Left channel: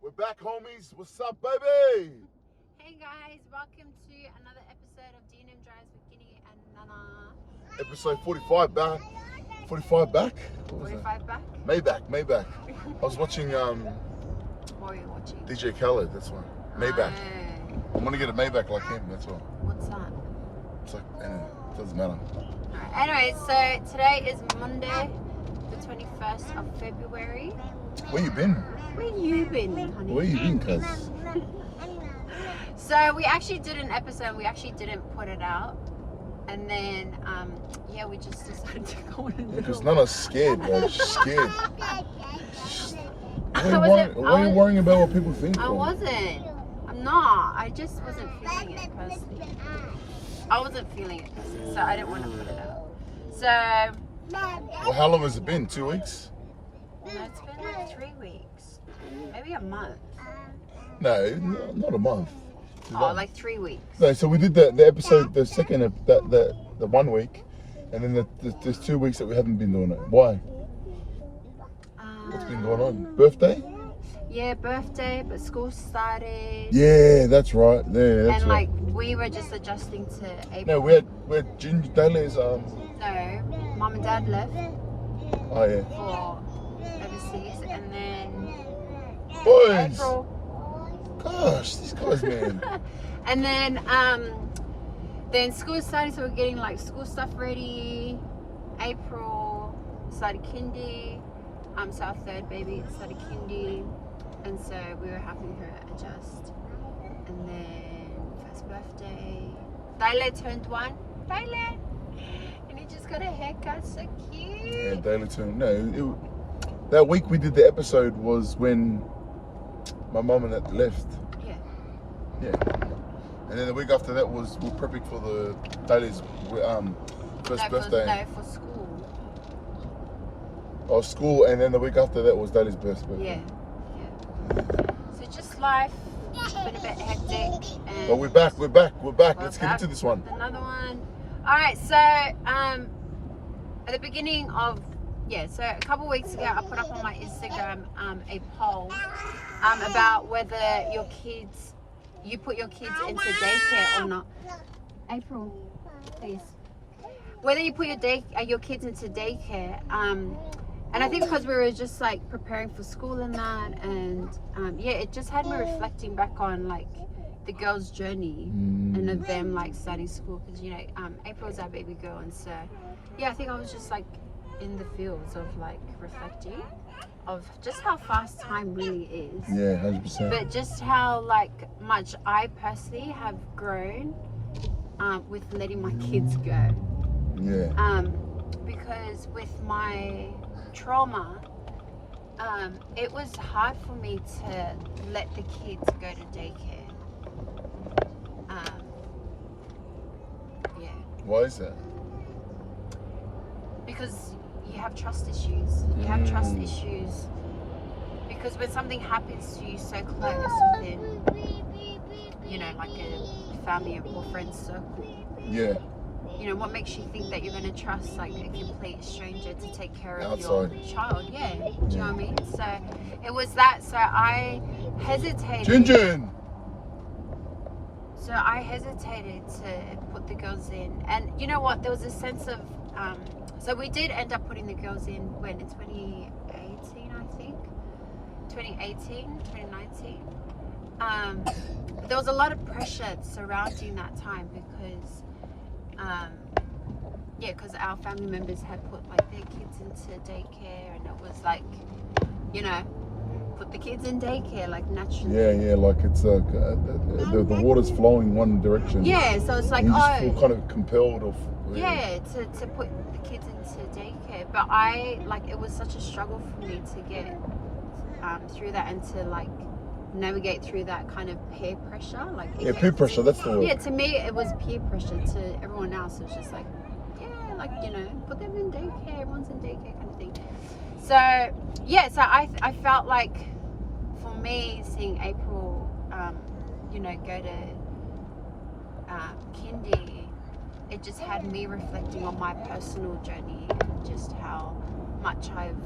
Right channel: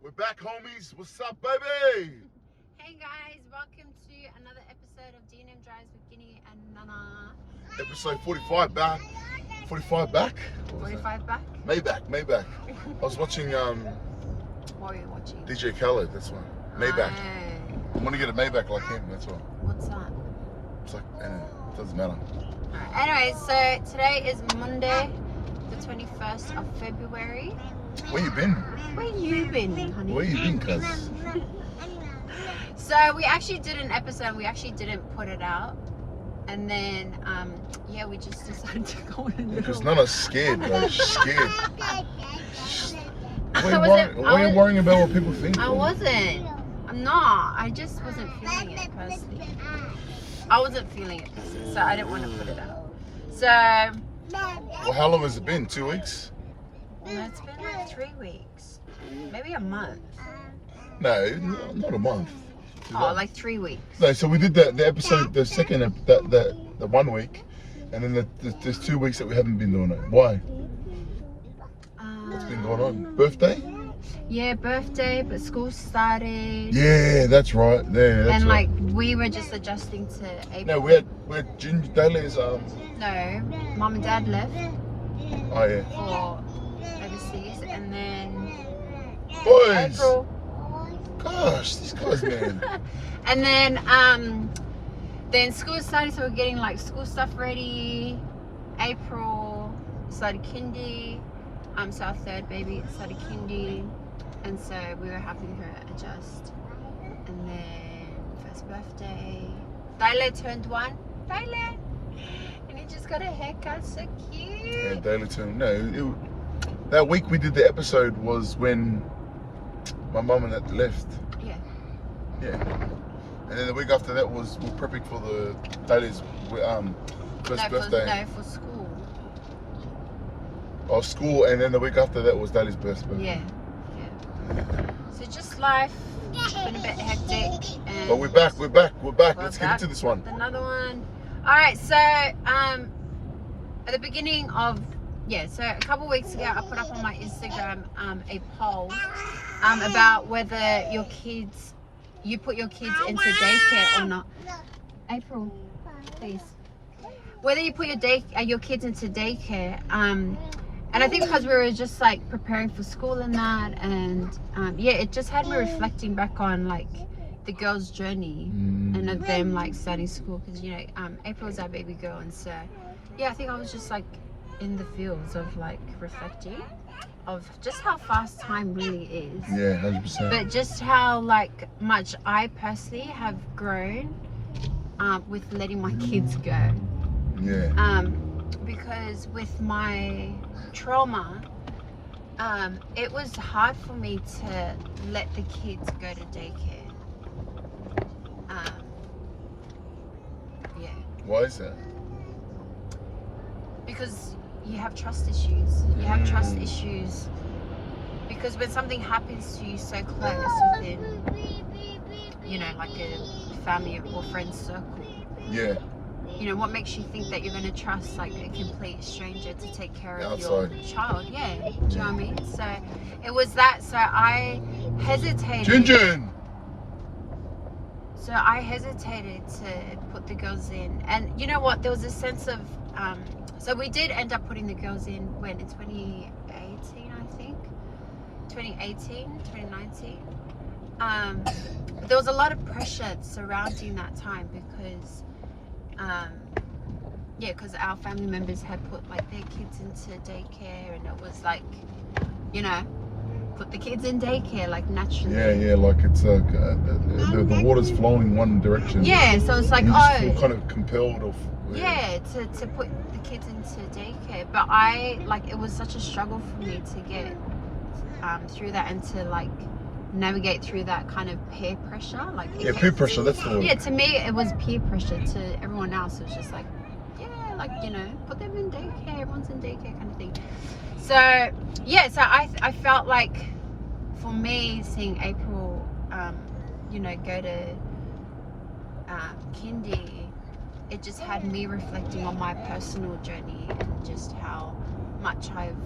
We're back, homies. What's up, baby? Hey guys, welcome to another episode of D&M Drives with Kini and Nana. Episode 45 back. 45 back? 45 back? Maybach. I was watching What were you watching? DJ Khaled, that's why. Maybach. Oh, I'm gonna get a Maybach like him, that's why. what's that? It's like, it doesn't matter. Alright, anyway, so today is Monday, the 21st of February. Where you been? Where you been, honey? Where you been, cuz? So we actually did an episode and we actually didn't put it out. And then, yeah, we just decided to go on a little... Because Nana's scared, bro. She's scared. Why are you worrying about what people think? I wasn't. I'm not. I just wasn't feeling it personally. I wasn't feeling it personally, so I didn't want to put it out. So... Well, how long has it been? 2 weeks? No, it's been like 3 weeks. Maybe a month. No, not a month. Oh, like 3 weeks. No, so we did the episode, the second, the 1 week, and then there's 2 weeks that we haven't been doing it. Why? What's been going on? Birthday? Yeah, birthday, but school started. Yeah, that's right. Yeah, that's and right. like we were just adjusting to April. No, we had Ginger Daly's No, mum and dad left Oh yeah. for overseas, and then Boys. April. Gosh, these guys, man. And then school started, so we're getting like school stuff ready. April started kindy. So our third baby started kindy, and so we were having her adjust. And then first birthday, Tyler turned 1. Tyler, and he just got a haircut, so Yeah, cute. Daily too. No, that week we did the episode was when my mum and dad left. Yeah. Yeah. And then the week after that was we're prepping for the Daly's first birthday. For school. Or school, and then the week after that was Daly's birthday. Yeah. So just life, been a bit hectic. And But we're back. Let's get back into this one. with another one. All right, so at the beginning of so a couple of weeks ago, I put up on my Instagram a poll about whether you put your kids into daycare or not. April, please. Whether you put your kids into daycare. And I think because we were just like preparing for school and that, and it just had me reflecting back on like the girls' journey and of them like starting school, because April's our baby girl, and so I think I was just like in the fields of like reflecting of just how fast time really is. Yeah, 100%. But just how like much I personally have grown with letting my kids go. Yeah. Because with my trauma, it was hard for me to let the kids go to daycare. Why is that? Because you have trust issues. You have trust issues because when something happens to you so close within, like a family or friend circle. Yeah. What makes you think that you're going to trust like a complete stranger to take care of Outside. your child? Yeah, do you know what I mean? So it was that. So I hesitated. Jinjin. So I hesitated to put the girls in, and you know what? There was a sense of. So we did end up putting the girls in when in 2018, I think. 2018, 2019. There was a lot of pressure surrounding that time because. Because our family members had put like their kids into daycare, and it was like, put the kids in daycare like naturally. Yeah, like it's the water's flowing one direction. Yeah, so it's like you just feel kind of compelled of. To put the kids into daycare, but it was such a struggle for me to get through that and to like navigate through that kind of peer pressure. Peer pressure. That's the word. Yeah, to me it was peer pressure. To everyone else, it's just like. Put them in daycare, everyone's in daycare kind of thing. So I felt like for me seeing April go to kindy, it just had me reflecting on my personal journey and just how much I've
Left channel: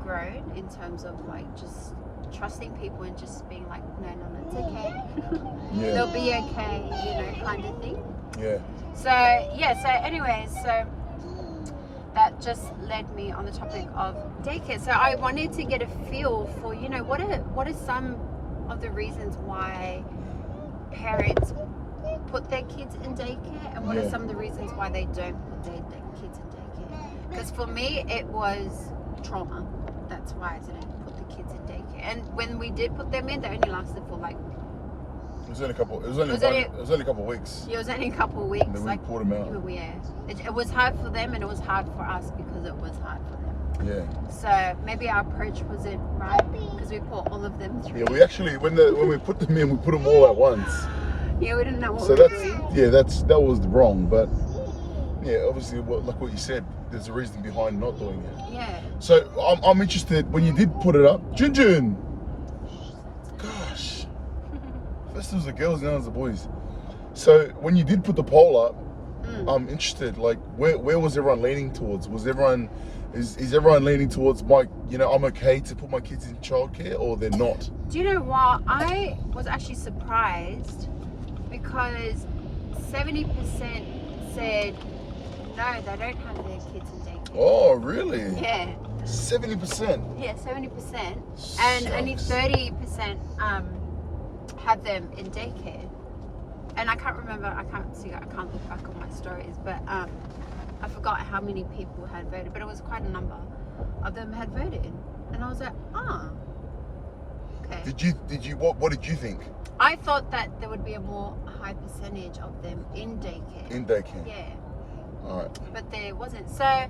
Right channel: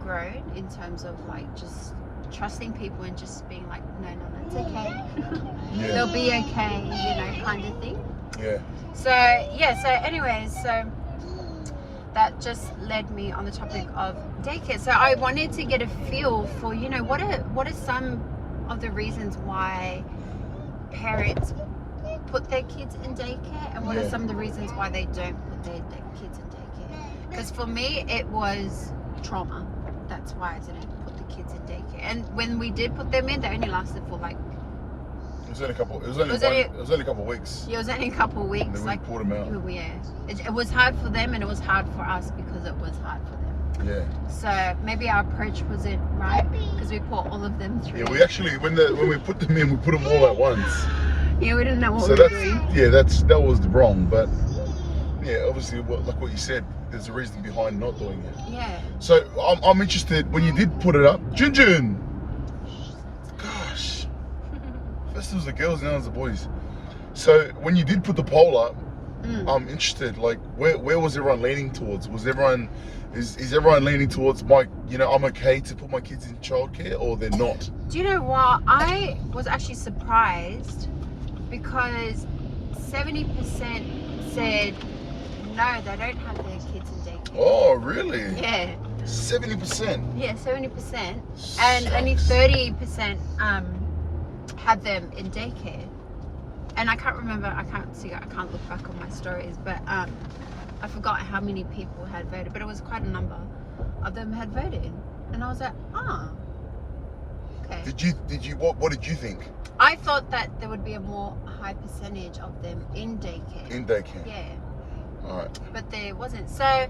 grown own in terms of like just trusting people and just being like, no, it's okay. Yeah. They'll be okay, you know, kind of thing. Yeah. So yeah, so anyways, so that just led me on the topic of daycare. So I wanted to get a feel for, you know, what are some of the reasons why parents put their kids in daycare, and what are some of the reasons why they don't put their kids in daycare. Because for me, it was trauma. That's why I didn't put the kids in daycare. And when we did put them in, they only lasted for like, It was only a couple of weeks. it was only a couple of weeks. And then we like, pulled them out. Yeah. It was hard for them, and it was hard for us because it was hard for them. Yeah. So maybe our approach wasn't right because we put all of them through. Yeah, we actually, when we put them in, we put them all at once. Yeah, we didn't know what So we were doing. Yeah, that was wrong. But yeah, obviously, like what you said, there's a reason behind not doing it. Yeah. So I'm interested, when you did put it up, Junjun. Gosh. First it was the girls, now it's the boys. So when you did put the poll up, I'm interested, like where was everyone leaning towards? Was everyone is everyone leaning towards I'm okay to put my kids in childcare, or they're not? Do you know what? I was actually surprised because 70% said no, they don't have their kids in daycare. Oh, really? Yeah. 70%. Yeah, 70%, and only 30% had them in daycare. And I can't remember. I can't look back on my stories, but I forgot how many people had voted. But it was quite a number of them had voted, and I was like, okay. Did you what did you think? I thought that there would be a more high percentage of them in daycare. In daycare. Yeah. All right. But there wasn't. So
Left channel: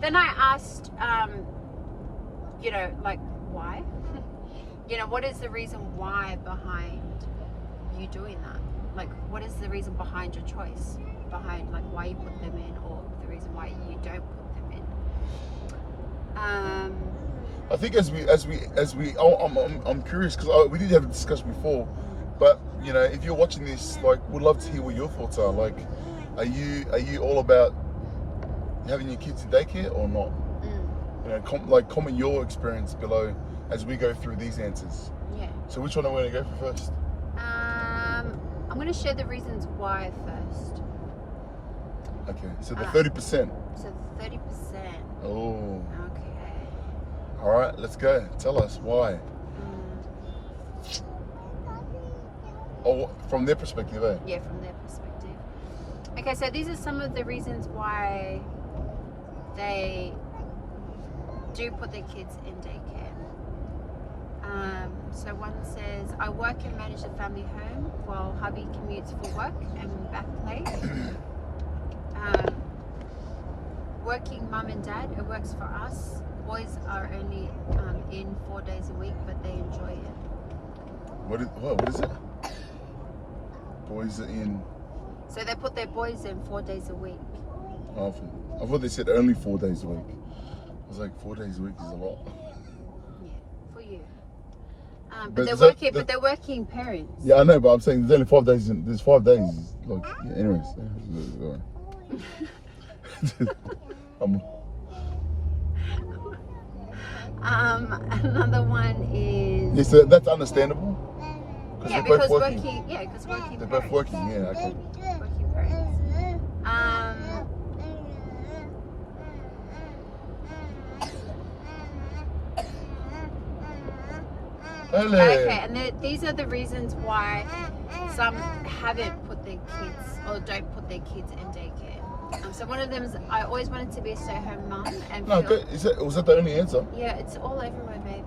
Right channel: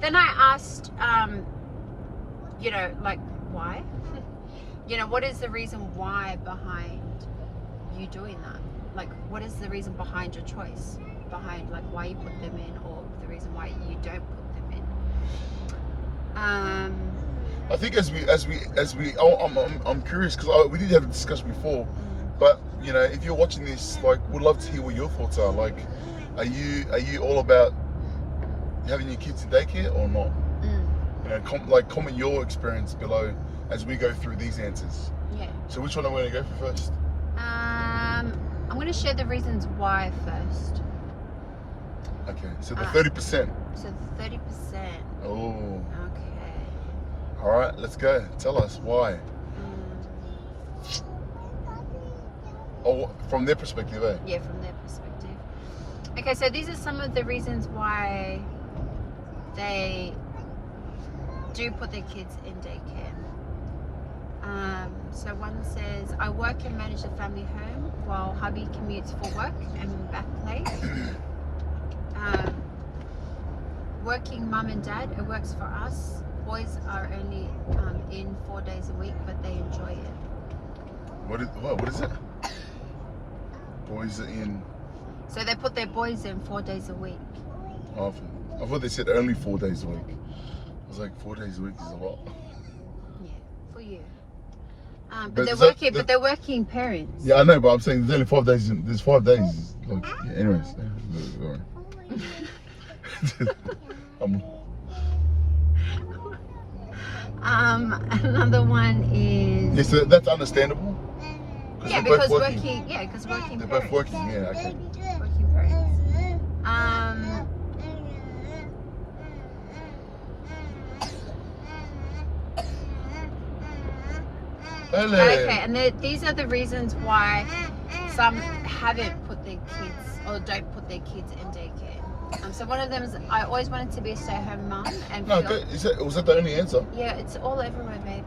then I asked, you know, like why? You know, what is the reason why behind you doing that? Like, what is the reason behind your choice? Behind like why you put them in, or the reason why you don't put them in? I think I'm curious because we did have a discussion before, but you know, if you're watching this, like, we'd love to hear what your thoughts are. Like, are you all about having your kids in daycare or not? You know, comment your experience below as we go through these answers. Yeah. So which one are we going to go for first? I'm going to share the reasons why first. Okay, so the 30%. So 30%. Oh. Okay. All right, let's go. Tell us why. Oh, from their perspective, eh? Yeah, from their perspective. Okay, so these are some of the reasons why they do put their kids in daycare. So one says, I work and manage the family home while hubby commutes for work and back play. Working mum and dad, it works for us. Boys are only in 4 days a week, but they enjoy it. What is it? Boys are in. So they put their boys in 4 days a week. Oh, I thought they said only 4 days a week. I was like, 4 days a week is a lot. Yeah, for you. But But they're working parents. Yeah, I know, but I'm saying there's only 5 days. There's 5 days. Like, yeah, anyways. All right. Another one is. Yeah, so that's understandable. Yeah, because working. They're both working. Yeah, okay. Working parents. Hello. Okay, and these are the reasons why some haven't put their kids or don't put their kids in daycare. So one of them is I always wanted to be a stay-at-home mum. And No, was that the only answer? Yeah, it's all everywhere, babe.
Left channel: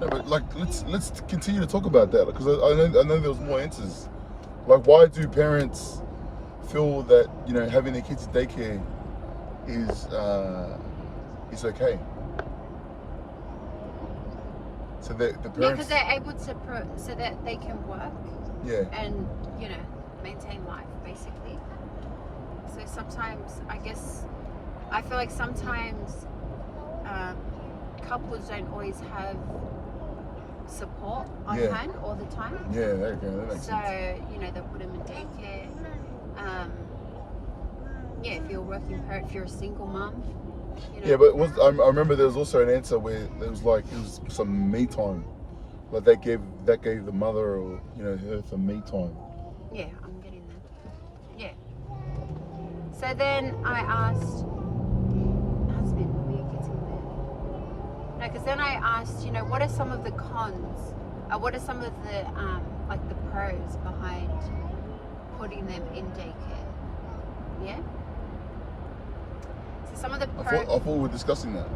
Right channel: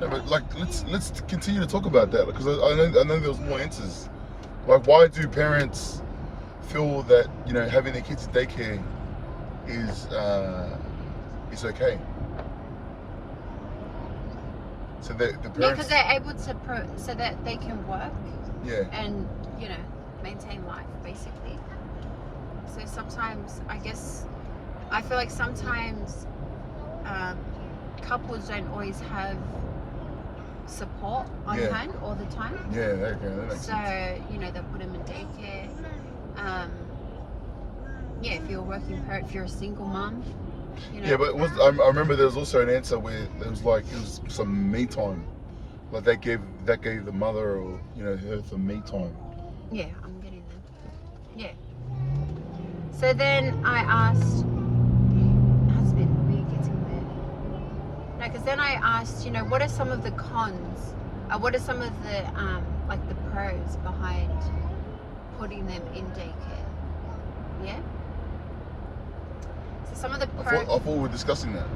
No, but like, let's continue to talk about that because I know there was more answers. Like, why do parents feel that, you know, having their kids in daycare is okay? So that the parents. Yeah, because they're able to so that they can work. Yeah. And you know, maintain life basically. So sometimes I feel like sometimes couples don't always have support on hand all the time. Yeah, okay, that makes sense. So, you know, they put them in daycare. Yeah, if you're a working parent, if you're a single mom. You know. Yeah, but I remember there was also an answer where it was some me time, like that gave the mother or her some me time. Yeah, I'm getting them. Yeah. So then I asked, husband, we're getting there. No, because then I asked, what are some of the cons? What are some of the like the pros behind putting them in daycare? Yeah. So some of the pros. I thought we were discussing that.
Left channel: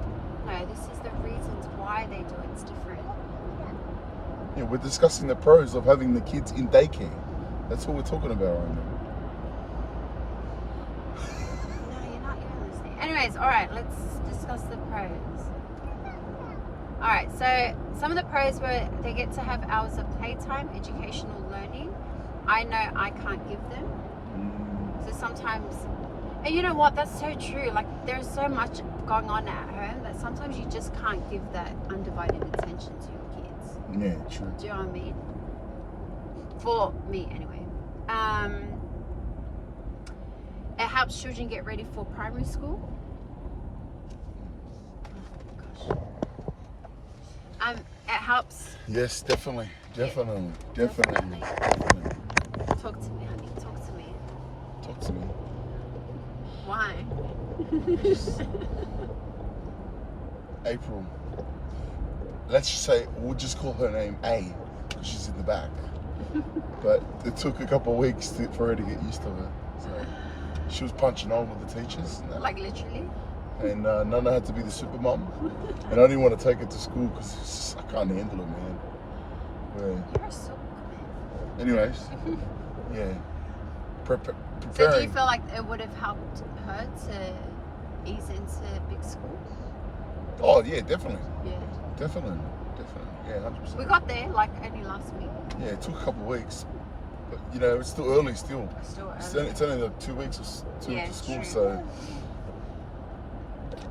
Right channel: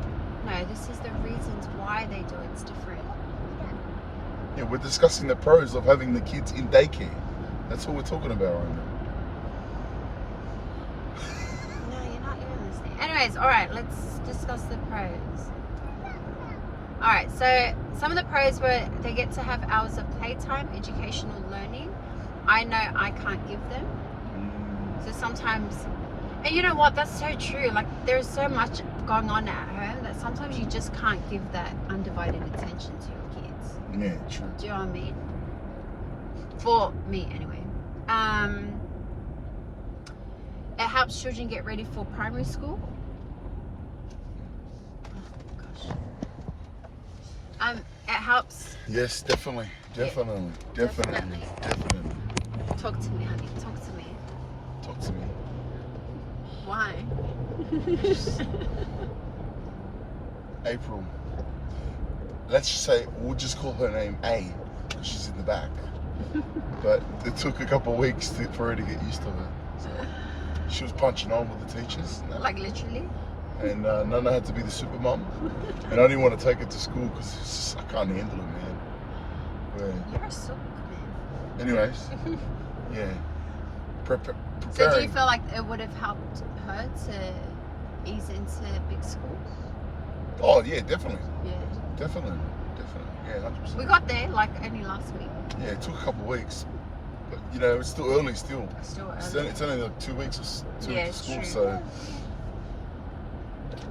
No, this is the reasons why they do it's different. Yeah, we're discussing the pros of having the kids in daycare. That's what we're talking about right now. No, you're not listening. Anyways, all right, let's discuss the pros. All right, so some of the pros were they get to have hours of playtime, educational learning. I know I can't give them. So sometimes, and you know what? That's so true. Like there's so much going on at home that sometimes you just can't give that undivided attention to your kids. Yeah, true. Do you know what I mean? For me, anyway. It helps children get ready for primary school. Oh, gosh. It helps. Yes, definitely. Talk to me, honey. Talk to me. Talk to me. Why? April. Let's just say we'll just call her name A, because she's in the back. But it took a couple of weeks for her to get used to her. So she was punching on with the teachers. Like literally? And Nana had to be the super mum. And I didn't want to take her to school because I can't handle it, man. You're so Anyways, yeah. So do you feel like it would have helped her to ease into big school? Oh, yeah, definitely. Yeah. Definitely. Yeah, 100%. We got there like only last week. Yeah, it took a couple of weeks. But, it's still early still. It's only like 2 weeks to school, true. so...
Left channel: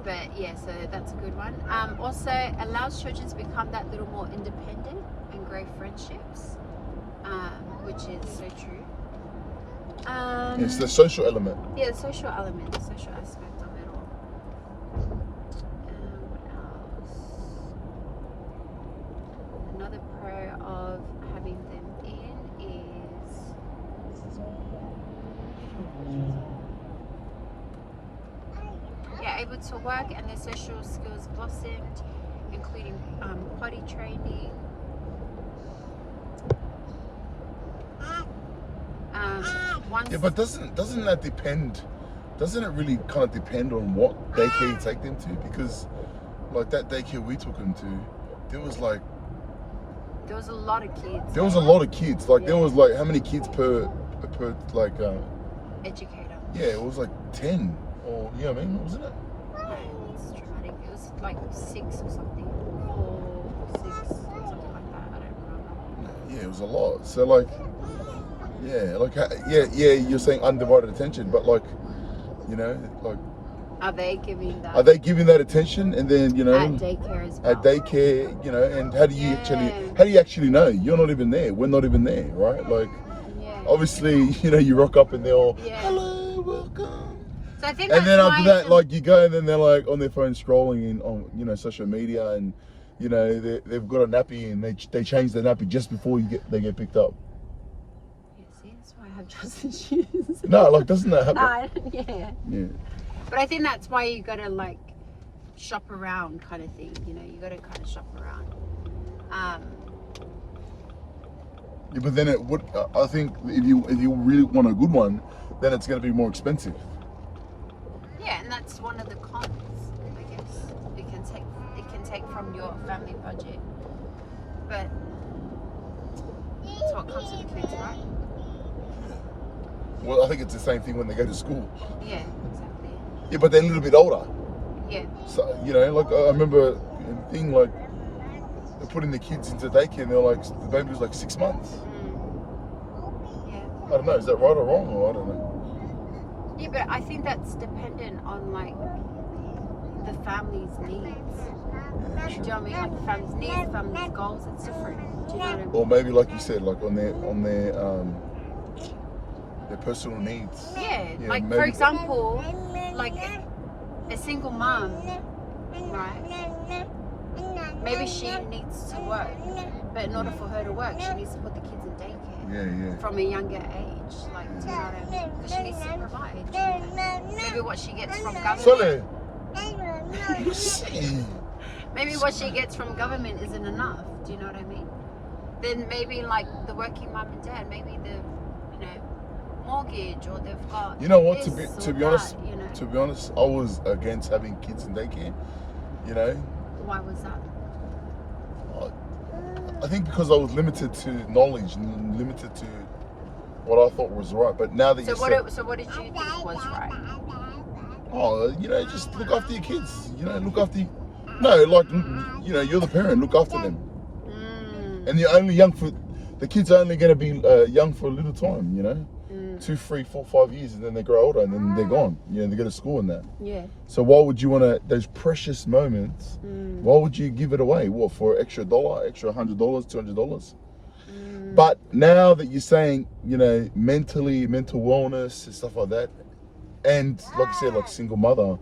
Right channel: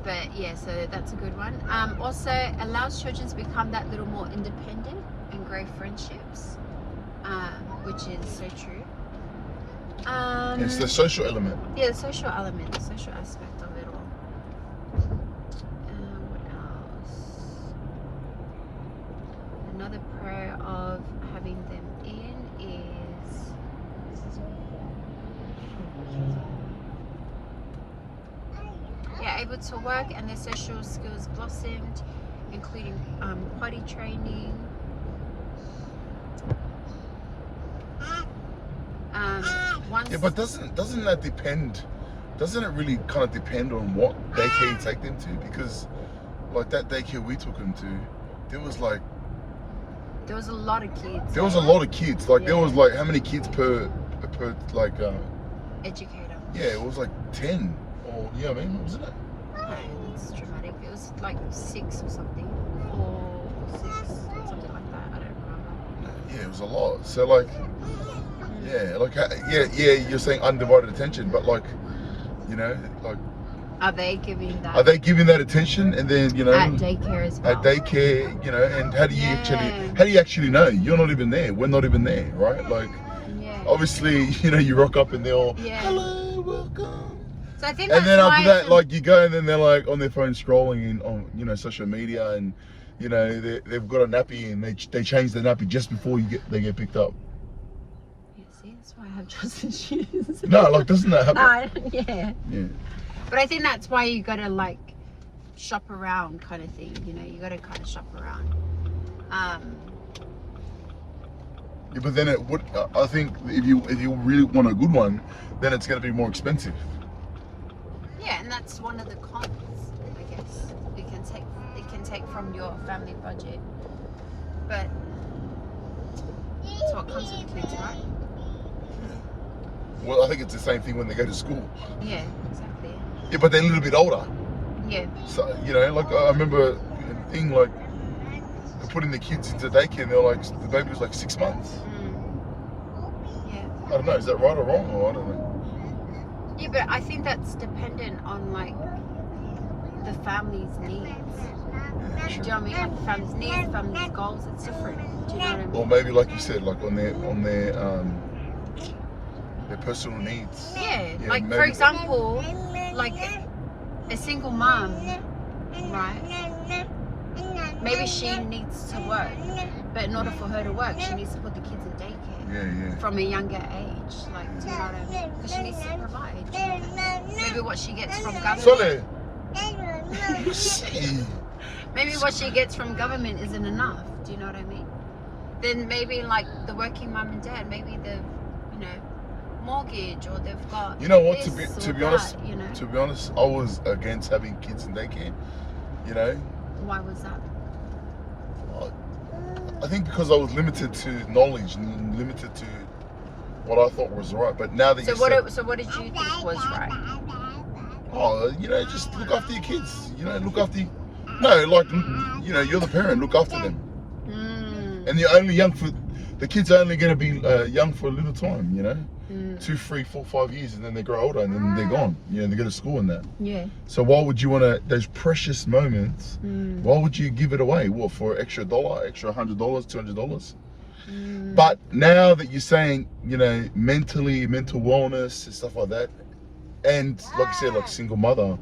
But yeah, so that's a good one. Also, allows children to become that little more independent and grow friendships, which is so true. It's the social element. Yeah, the social element, the social aspect of it all. What else? Another pro of having them in is able to work and their social skills blossomed, including potty training. Yeah, but doesn't that depend? Doesn't it really kind of depend on what daycare you take them to? Because like that daycare we took them to, there was a lot of kids. There was a lot of kids. Like there was like how many kids per like educator? Yeah, it was like 10 or wasn't it? Yeah, it's dramatic. It was like 6 or something. 4, 6, something like that. I don't remember. Yeah, it was a lot. So like, you're saying undivided attention, but like, like. Are they giving that? Are they giving that attention? And then at daycare as well. At daycare, and how do you actually know? You're not even there. We're not even there, right? Like, obviously, you rock up and they're all, hello, welcome. So I think and then after that, like you go and then they're like on their phone scrolling on social media, and they've got a nappy and they change the nappy just before they get picked up. Yeah, see, that's why I have trust issues. No, like doesn't that happen? Yeah. But I think that's why you gotta like shop around, kind of thing. You gotta kind of shop around. Yeah, but then it would. I think if you really want a good one, then it's gonna be more expensive. Yeah, and that's one of the cons, I guess. It can take from your family budget. But that's what comes with kids, right? Well, I think it's the same thing when they go to school. Yeah, exactly. Yeah, but they're a little bit older. Yeah. So, like I remember a thing like they're putting the kids into daycare and they're like, the baby was like 6 months. Yeah. I don't know, is that right or wrong? Or I don't know. Yeah, but I think that's dependent on like the family's needs. Yeah, Do you know what I mean? Like the family's needs, the family's goals, it's different. Do you know what I mean? Or maybe like you said, like on their personal needs. Yeah, Yeah, like maybe. for example, like a single mom, right? Maybe she needs to work, but in order for her to work, she needs to put the kids in daycare Yeah. from a younger age. Like, do you know what I mean? Because she needs to provide. Maybe what she gets from government. Sole. You see. Maybe what she gets from government isn't enough. Do you know what I mean? Then maybe like the working mum and dad, maybe they've, mortgage or they've got. You know what? To this be or honest, that, to be honest, I was against having kids in daycare. You know. Why was that? I think because I was limited to knowledge and limited to what I thought was right. But now that So what did you think was right? Oh, just look after your kids. Look after. No, like you're the parent. Look after them. And you're only young for. The kids are only going to be young for a little time. 2, 3, 4, 5 years, and then they grow older, and then they're gone. They go to school and that. Yeah. So why would you want to? Those precious moments. Why would you give it away? What, for extra $1, extra $100, $200? But now that you're saying, mental wellness and stuff like that, and like you said, like single mother,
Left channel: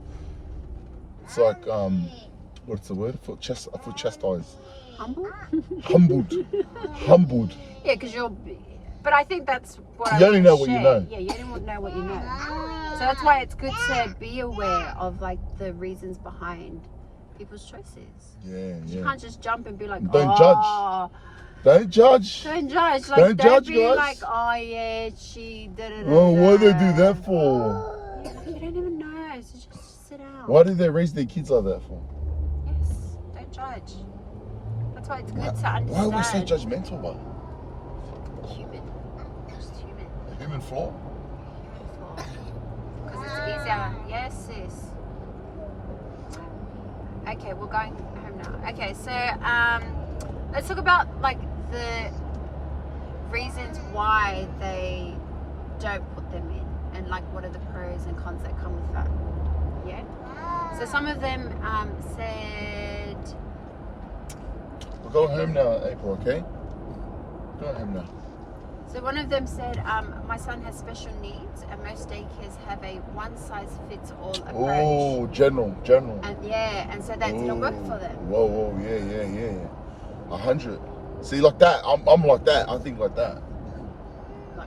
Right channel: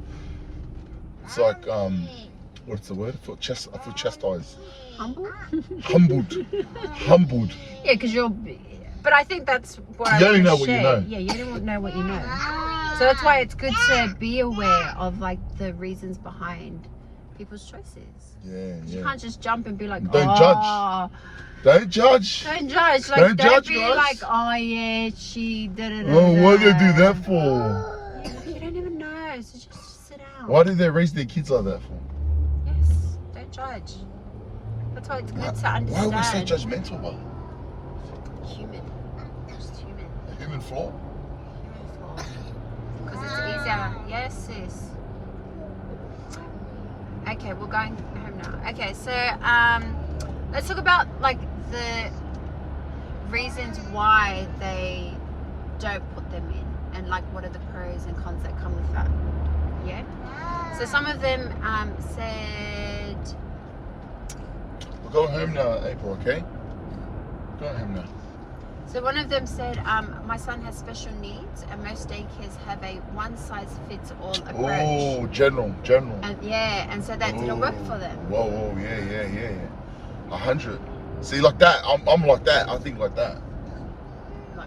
it's like what's the word? I feel chastised. Humbled. Yeah, because you're. But I think that's what you only know what you know. Yeah, you don't know what you know. So that's why it's good to be aware of like the reasons behind people's choices. Yeah. You can't just jump and be like, Don't judge. Don't judge. Don't judge. Like, Don't judge, be guys. like, oh yeah, she did it. Well, what do they do that for? You don't even know, so just sit down. Why did they raise their kids like that for? Yes, don't judge. That's why it's good to understand. Why are we so judgmental about it? Human. Just human. A human flaw? Because it's easier. Yes, sis. Okay, we're going home now. Okay, so let's talk about like the reasons why they don't put them in, and like what are the pros and cons that come with that. Yeah. So some of them said. We're going home now, April. Okay. Go home now. So one of them said, my son has special needs, and most daycares have a one-size-fits-all approach. Oh, general. And so that didn't work for them. Whoa, yeah. 100. See, like that, I'm like that. I think like that.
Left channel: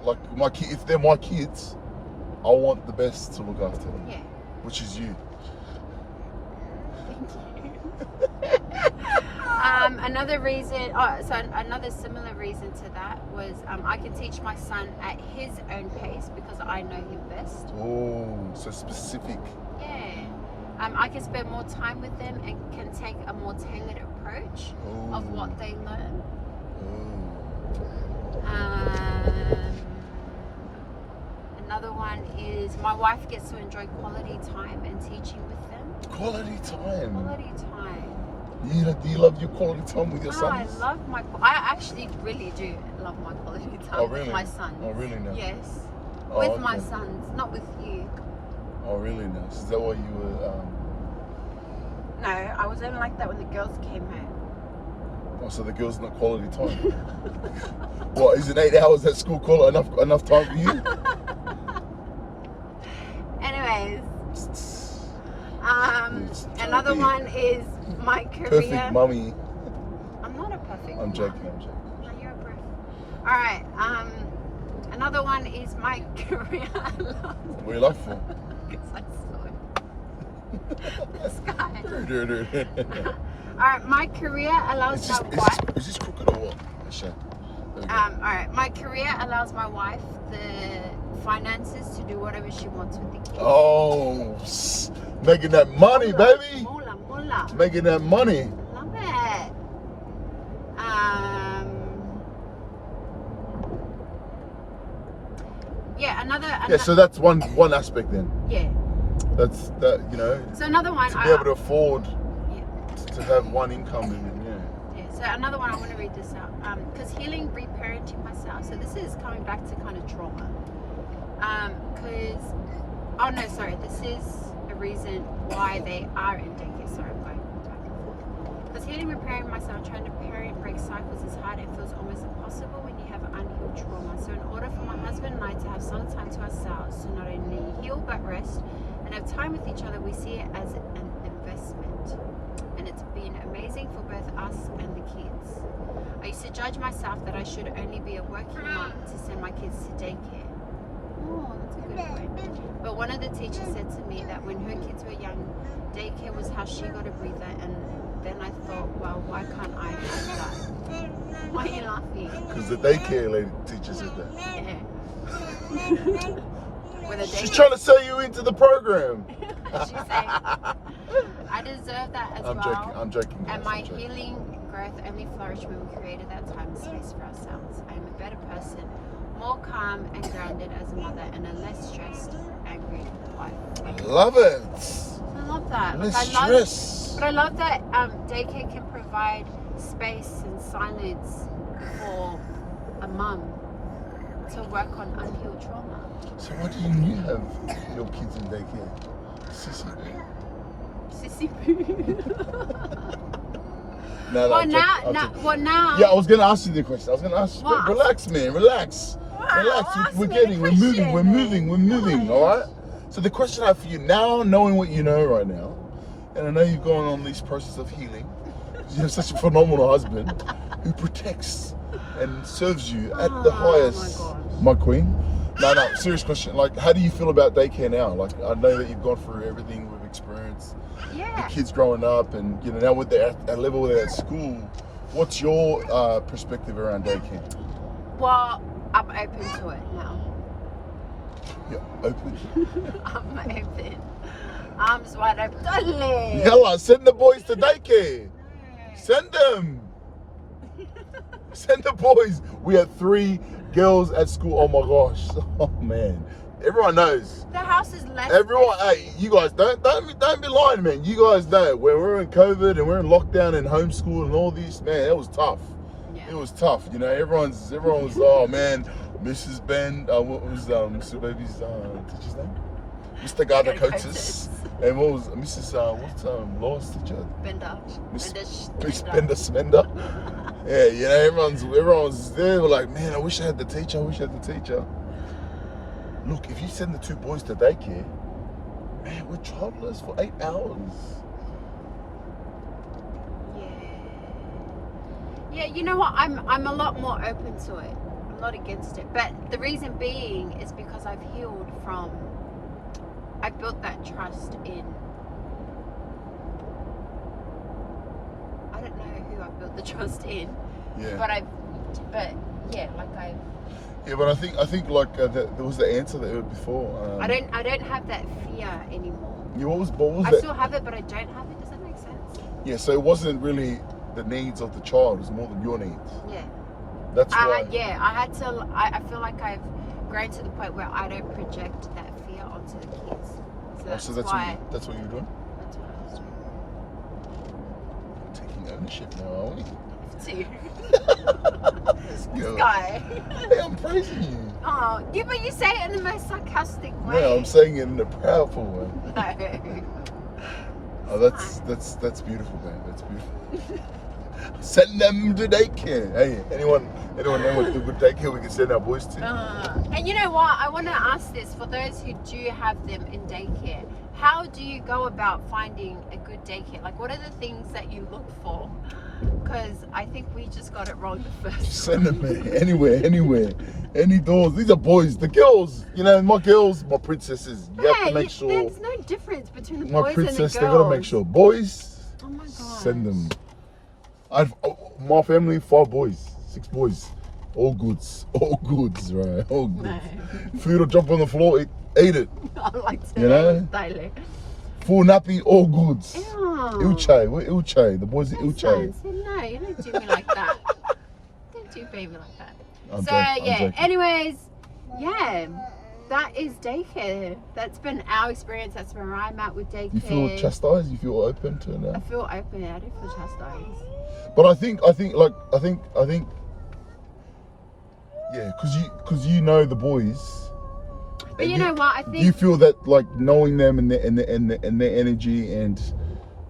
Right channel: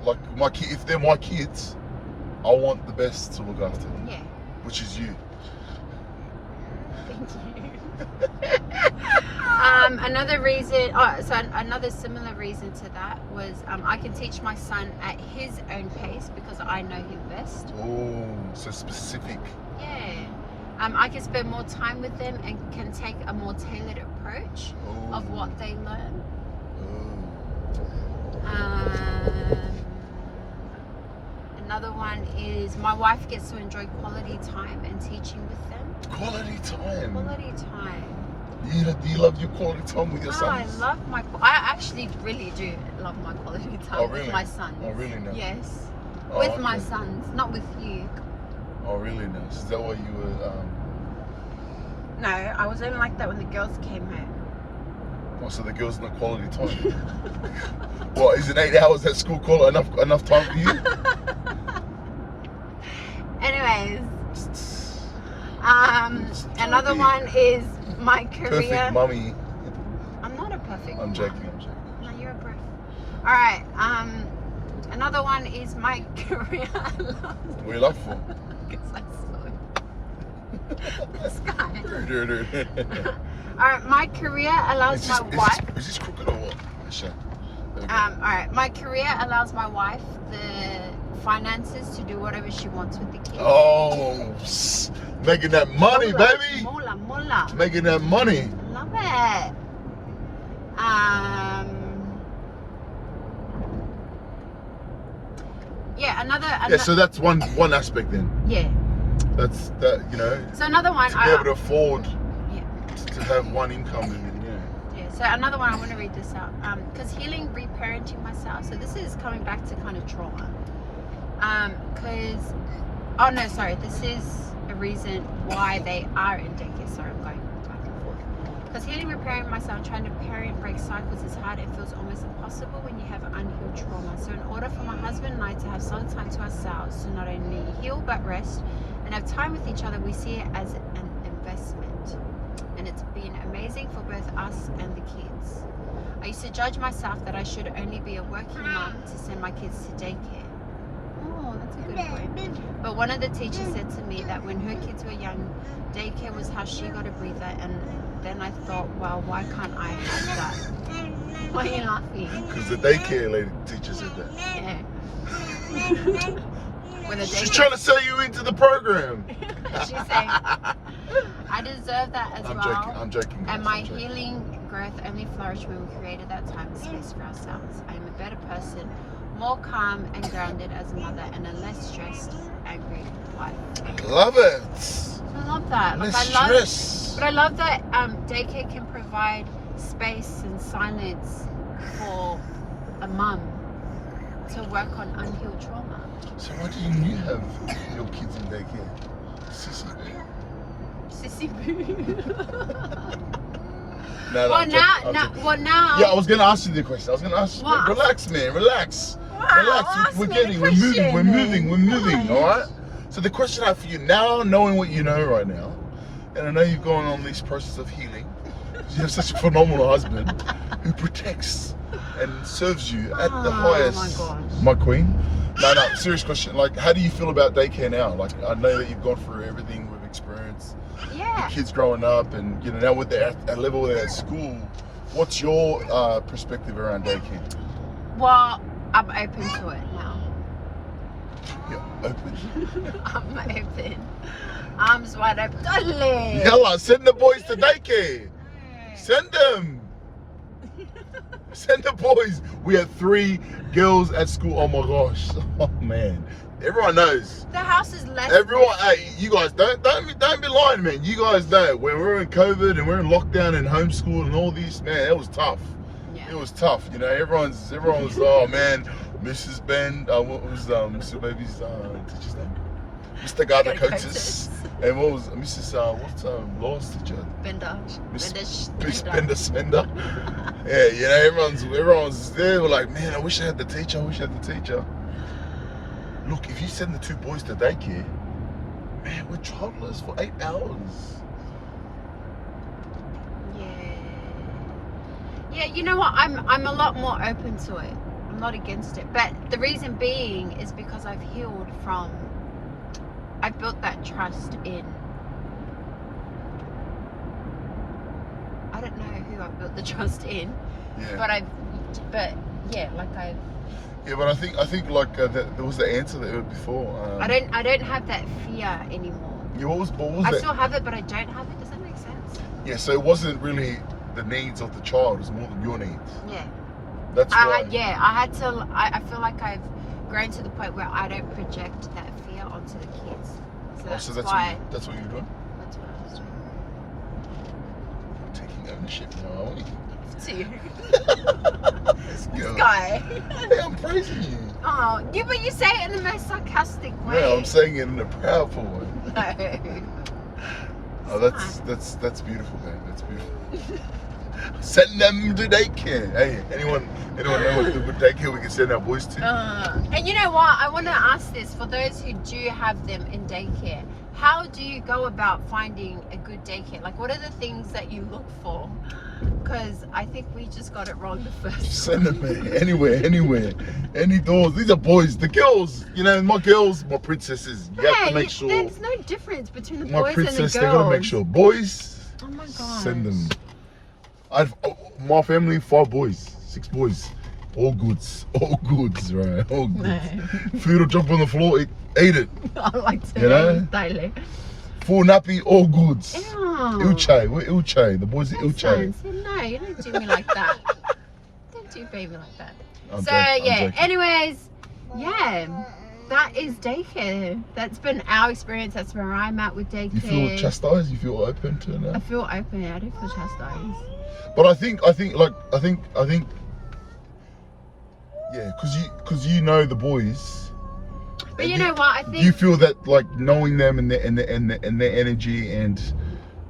Like my kid, if they're my kids, I want the best to look after them. Yeah. Which is you. Another reason, another similar reason to that was I can teach my son at his own pace because I know him best. Oh, so specific. Yeah. I can spend more time with them and can take a more tailored approach of what they learn. Another one is my wife gets to enjoy quality time and teaching with them. Quality time. Quality time. Do you love your quality time with your sons? I actually really do love my quality time with my sons. Oh, really? Nice. Yes. Oh, With okay. my sons, not with you. Oh, really nice. Is that why you were... No, I was only like that when the girls came home. Oh, so the girls not quality time? What, is it 8 hours at school enough time for you? Anyways, another one is my career. Perfect mummy. I'm not a perfect I'm joking. No, you're a perfect. Alright, another one is my career. What are you laughing for? Because I saw it. This guy. Alright, my career allows my wife. Is this crooked or what? Sure. Alright, my career allows my wife the finances to do whatever she wants with the kids. Oh, making that money, baby. Mola. Making that money. Love it. Yeah, another. Yeah, so that's one aspect then. Yeah. That's that, So another one. To be able to afford to have one income and Yeah. So another one, I want to read this out. Because healing reparenting myself. So this is coming back to kind of trauma. This is a reason why they are in daycare. Sorry, I'm going back and forth. Because healing preparing myself, trying to parent break cycles is hard. It feels almost impossible when you have unhealed trauma. So in order for my husband and I to have some time to ourselves, to not only heal but rest and have time with each other, we see it as an investment. And it's been amazing for both us and the kids. I used to judge myself that I should only be a working mom to send my kids to daycare. Oh, that's a good point. But one of the teachers said to me that when her kids were young, daycare was how she got a breather, and then I thought, well, why can't I have that? Why are you laughing? Because the daycare lady teaches you that. Yeah. She's trying to sell you into the program. She's saying, I deserve that as well. I'm joking. And my healing growth only flourished when we created that time and space for ourselves. I am a better person, more calm and grounded as a mother, and a less stressed, angry wife. I love it. I love that. But I love that daycare can provide space and silence for a mum to work on unhealed trauma. So why didn't you have your kids in daycare? Sissy boo. No, Well, now. Yeah, I was gonna ask you the question. I was gonna ask you. What? Relax, man. Relax. Wow, Relax. ask We're me getting. the We're moving. question. All right. So the question I have for you now, knowing what you know right now, and I know you've gone on this process of healing. You have such a phenomenal husband who protects and serves you at the highest. Oh my gosh. My queen. No, serious question. Like, how do you feel about daycare now? Like, I know that you've gone through everything we've experienced. Yeah. The kids growing up, and you know now with the at level they're at school. What's your perspective around daycare? Well, I'm open to it now. Yeah, open. I'm open. Arms wide open. Darling. Yalla, send the boys to daycare. Send them. Send the boys. We had 3 girls at school. Oh my gosh. Oh man. Everyone knows. The house is less. Everyone, hey, you guys don't be lying, man. You guys know when we're in COVID and we're in lockdown and homeschool and all this, man, it was tough. Yeah. It was tough. You know, everyone's oh man, Mrs. Ben, what was Mr. Baby's teacher's name? Mr. Gardner Coates. And what was Mrs. Law's teacher? Bender. Miss Bender Smender. Yeah, you know, everyone's there. We're like, man, I wish I had the teacher. Look, if you send the 2 boys to daycare, man, we're childless for 8 hours. Yeah, you know what? I'm a lot more open to it. I'm not against it. But the reason being is because I've healed from. I've built that trust in. I don't know who I've built the trust in. Yeah. But yeah, like I've. Yeah, but I think like there was the answer that you had before. I don't have that fear anymore. Yeah, what was I that? still have it, but I don't have it. Does that make sense? Yeah, so it wasn't really the needs of the child; it's more than your needs. Yeah. That's right. I had to. I feel like I've grown to the point where I don't project that fear onto the kids. So that's why. That's what you're doing. That's what I was doing. Taking ownership now, aren't you? To you. This Guy. Hey, I'm praising you. Oh, yeah, but you say it in the most sarcastic way. No, I'm saying it in a proudful way. No. Oh, that's beautiful, man. That's beautiful. Send them to daycare. Hey, anyone with daycare we can send our boys to. And you know what? I want to ask this for those who do have them in daycare. How do you go about finding a good daycare? Like, what are the things that you look for? Because I think we just got it wrong the first Send them anywhere, any doors. These are boys. The girls, you know, my girls, my princesses. You have to make sure. There's no difference between the My boys princess, and the they girls. gotta make sure. Boys, Oh my God. send them. My family, 5 boys, 6 boys. All goods, right? All goods. Food will jump on the floor, eat it. I like to You know? daily. Full nappy, all goods. Ilche, we're Ilche. The boys are Ilche. No, you don't do me like that. Don't do baby like that. I'm So joking, I'm yeah, joking. anyways, yeah, that is daycare. That's been our experience. That's where I'm at with daycare. You feel chastised? You feel open to it I now? feel open. I do feel chastised. But I think, yeah, because you know the boys. But you know what? I think You feel that like knowing them and their energy, and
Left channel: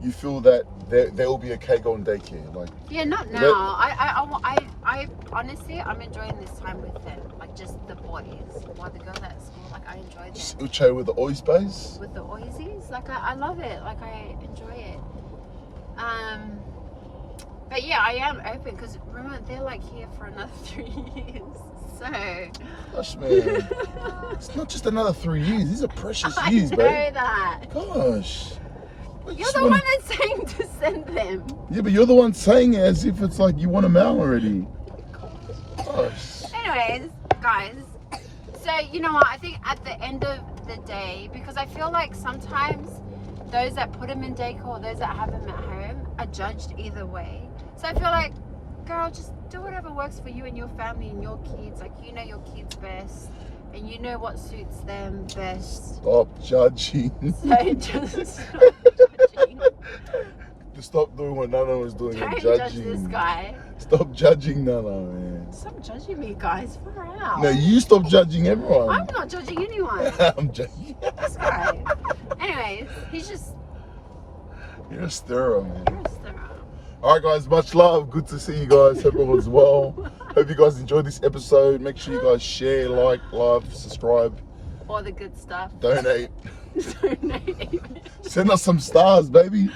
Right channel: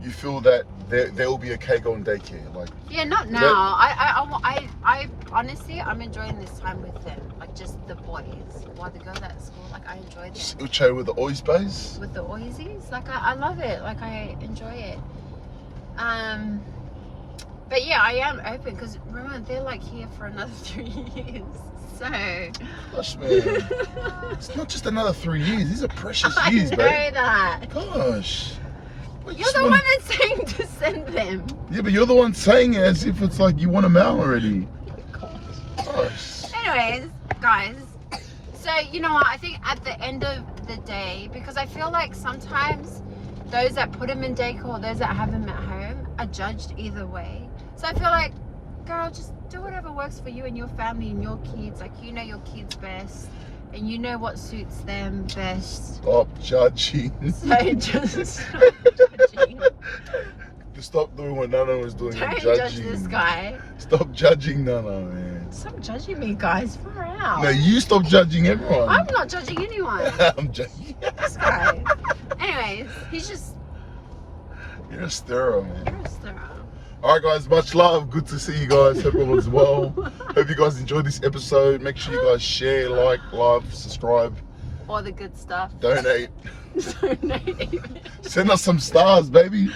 you feel that they will be okay going daycare. Like, yeah, not now. I honestly, I'm enjoying this time with them. Like just the boys. While the girls at school, like I enjoy them. Uche with the oys base. With the oisies, like I love it. Like I enjoy it. But yeah, I am open because remember they're like here for another 3 years. So. Gosh, man, it's not just another 3 years. These are precious I years, know babe. that. Gosh. You're the one that's saying to send them. Yeah, but you're the one saying it as if it's like you want them out already. Gosh. Anyways, guys. So you know what? I think at the end of the day, because I feel like sometimes those that put them in daycare or those that have them at home are judged either way. So I feel like, girl, just do whatever works for you and your family and your kids. Like you know your kids best, and you know what suits them best. Stop judging. So just stop judging. Stop doing what Nana was doing. Don't and judge judging. this guy. Stop judging Nana, man. Stop judging me, guys. Far out. No, you stop judging everyone. I'm not judging anyone. I'm judging. This guy. Anyways, he's just. You're a stirrer, man. You're a stirrer. Alright guys, much love. Good to see you guys. Hope everyone's well. Hope you guys enjoyed this episode. Make sure you guys share, like, love, subscribe. All the good stuff. Donate. Donate. Send us some stars, baby.